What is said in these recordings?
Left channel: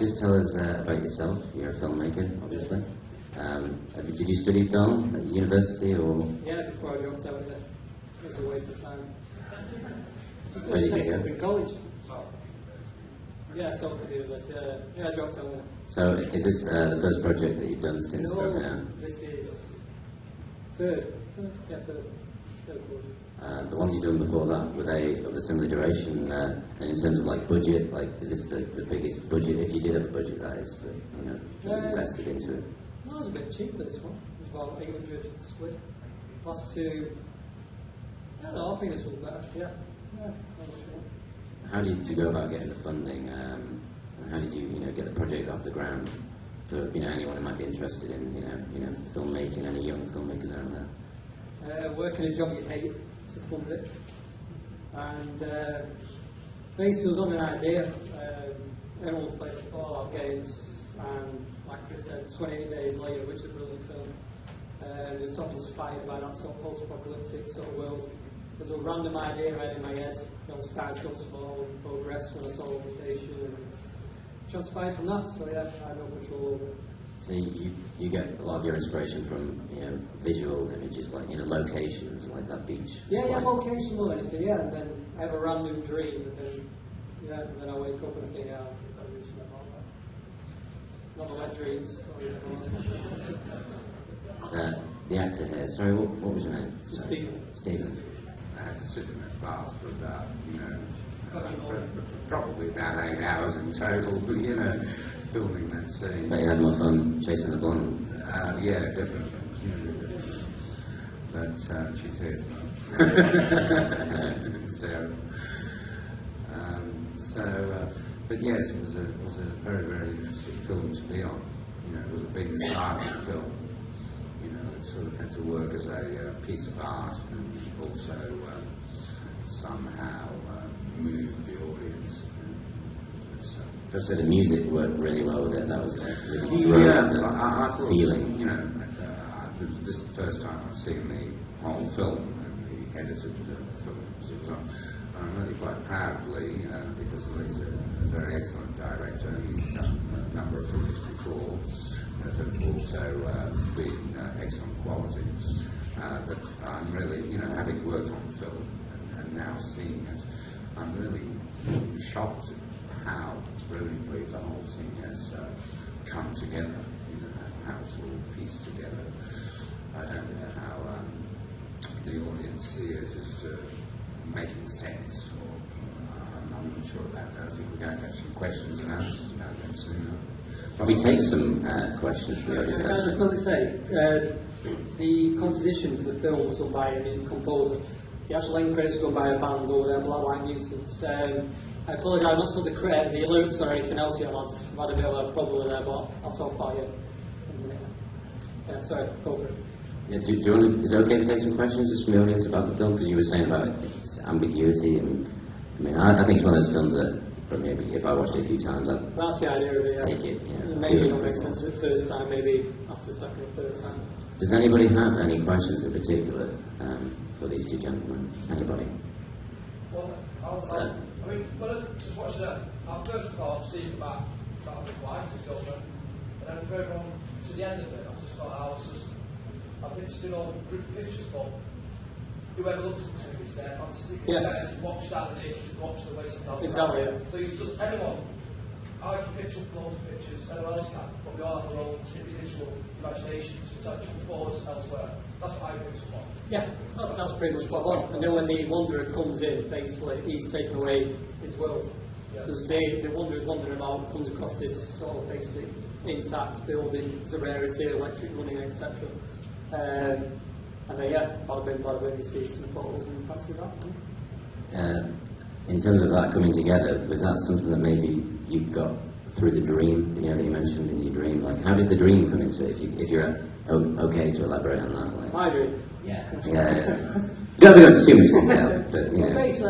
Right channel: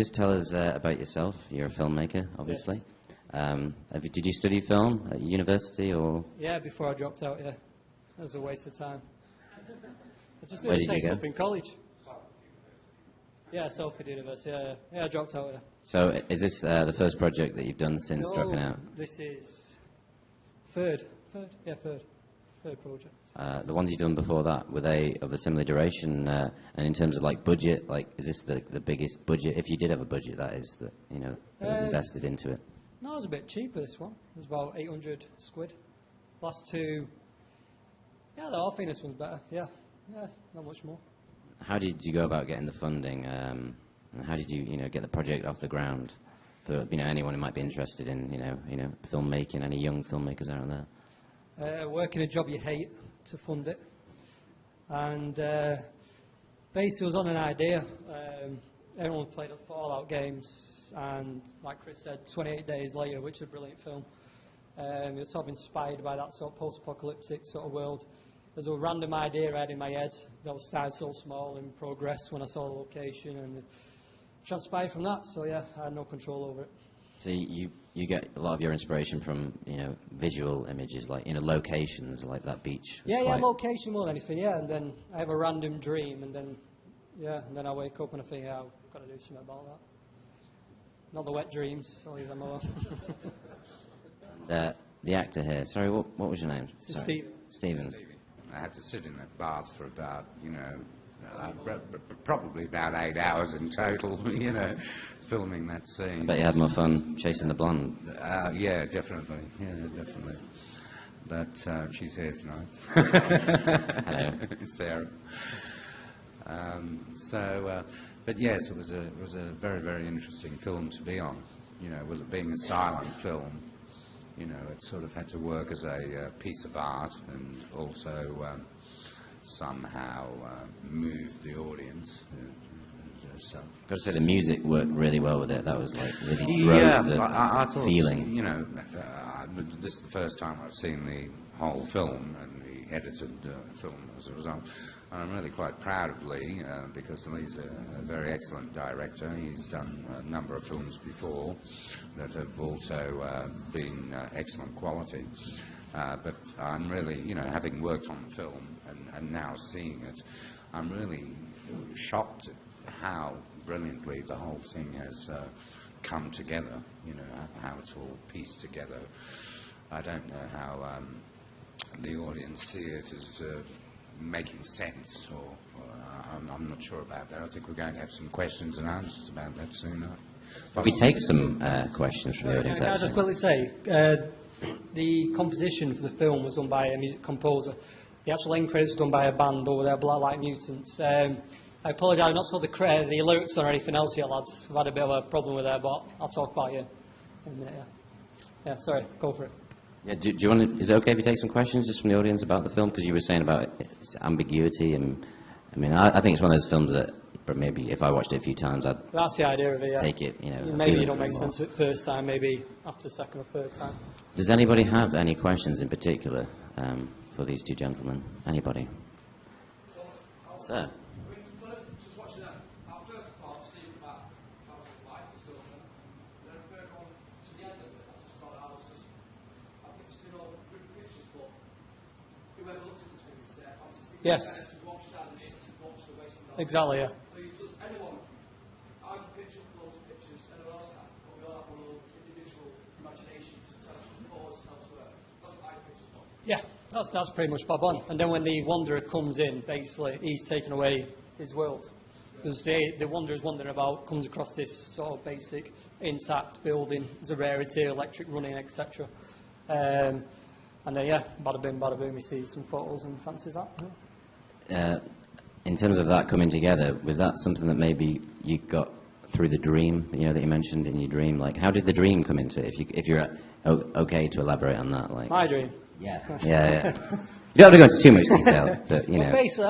just tell us about yourself. You're a filmmaker, obviously. Did you study film at university or? Yeah, before I dropped out. Yeah, it was a waste of time. Just Where did did you go? in college. Yeah, Salford University. Yeah, I dropped out. Yeah. So, is this the first project that you've done since dropping out? This is third project. The ones you've done before that, were they of a similar duration? And in terms of like budget, like is this the biggest budget? If you did have a budget, that is, that was invested into it. No, it was a bit cheaper. This one it was about 800 quid. Last two, yeah, the office was better. Yeah, not much more. How did you go about getting the funding? And how did you get the project off the ground? For anyone who might be interested in filmmaking, any young filmmakers out there. Working a job you hate to fund it, and basically was on an idea. Everyone played the Fallout games, and like Chris said, 28 days later, which is a brilliant film. It was sort of inspired by that sort of post-apocalyptic sort of world. There's a random idea I had in my head that was started off small and progress when I saw the location and transpired from that. So yeah, I had no control over it. So you get a lot of your inspiration from visual images, like locations like that beach. Yeah, location more than anything. Yeah, and then I have a random dream, and then I wake up and I think, I've got to do something about that. Not the wet dreams. The actor here. Sorry, what was your name? Stephen. I had to sit in that bath for about probably about 8 hours in total. Filming that scene. But you had more fun chasing the blonde. Yeah, definitely. But she says no. Sarah. But yes, it was a very, very interesting film to be on. With being a silent film, it sort of had to work as a piece of art and also somehow move the audience. I've got to say the music worked really well with it. That was like really drove I thought feeling. This is the first time I've seen the whole film and the edited film. So I'm really quite proud of Lee because Lee's a very excellent director. He's done a number of films before that have also been excellent quality. But I'm really, having worked on the film and now seeing it, I'm really shocked at how brilliantly the whole thing has come together, how it's all pieced together. I don't know how the audience see it as making sense, or I'm not sure about that. I think we're going to have some questions and answers about that soon. Can we take some questions from the audience? Can I just quickly say, the composition for the film was done by a music composer. The actual end credits were done by a band over there, Black Light Mutants. I apologise, I've not saw the lyrics or anything else yet, lads. I've had a bit of a problem with that, but I'll talk about it. Yeah, sorry, go for it. Yeah, do you want to, is it okay to take some questions just from the audience about the film? Because you were saying about its ambiguity, and I think it's one of those films that maybe if I watched it a few times, that's the idea of it. Yeah. Take it. Maybe it don't make sense the first time. Maybe after the second or third time. Does anybody have any questions in particular for these two gentlemen? Anybody? Well, when I just watched that, our first thought seemed about his wife, his girlfriend, and then further on to the end of it, I just thought I've been doing all group pictures, but whoever looks into it is their fantasy. Yes. To watch that and to watch the wasteland. Exactly, yeah. So you just, anyone, I can picture up loads of pictures, anyone else can, but we all have our own individual imaginations, which actually forwards elsewhere. That's what I bring to one. Yeah, that's pretty much spot on. And then when the Wanderer comes in, basically, he's taken away his world. Because the Wanderer's wandering about, comes across this sort of basic, intact building, it's a rarity, electric running, etc. Bada bing, you see some photos and fancies that. In terms of that coming together, was that something that maybe you got through the dream, that you mentioned in your dream? Like, how did the dream come into it? If you're okay to elaborate on that, like. My dream. Yeah. You don't have to go into too much detail, but Basically,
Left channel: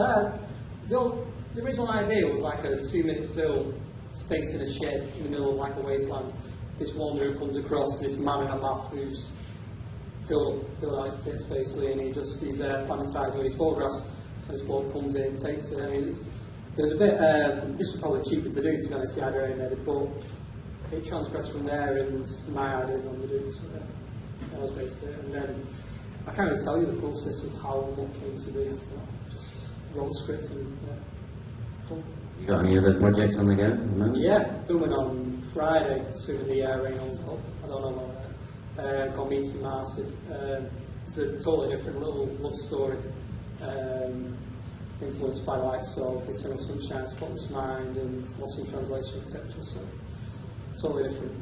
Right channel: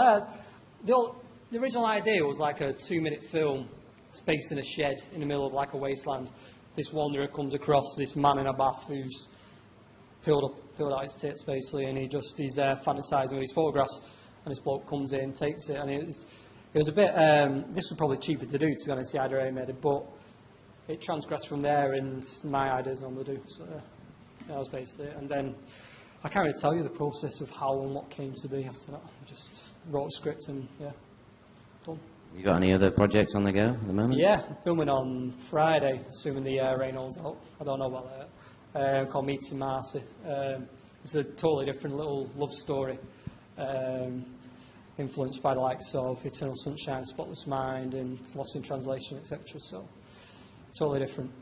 the original idea was like a 2-minute film spaced in a shed in the middle of like a wasteland. This wanderer comes across this man in a bath who's filled out his tits basically, and he's fantasising with his photographs. And this bloke comes in, takes it, and It was a bit, this was probably cheaper to do, to be honest, the idea I made it, but it transgressed from there and my ideas on the do, so that was basically it. And then I can't really tell you the process of how and what came to be after that. Just wrote a script and done. You got any other projects on the go at the moment? Yeah, filming on Friday, assuming the rain holds up. I don't know about that. Called Meeting Marcy. It's a totally different little love story, influenced by likes of Eternal Sunshine, Spotless Mind, and Lost in Translation, etc. So, totally different.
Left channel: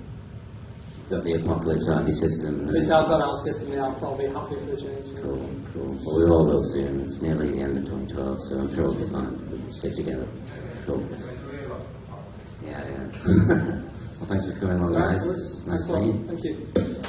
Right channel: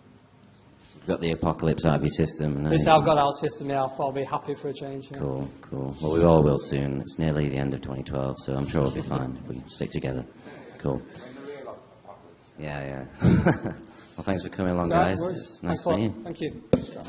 You've got the apocalypse out of your system. This I've got out of system now, I'll be happy for a change. Cool, cool. Well, we all will soon. It's nearly the end of 2012, so I'm sure it'll be fine. We'll stick together. Cool. Yeah, yeah. Well, thanks for coming along, guys. Nice to meet you. Thank you.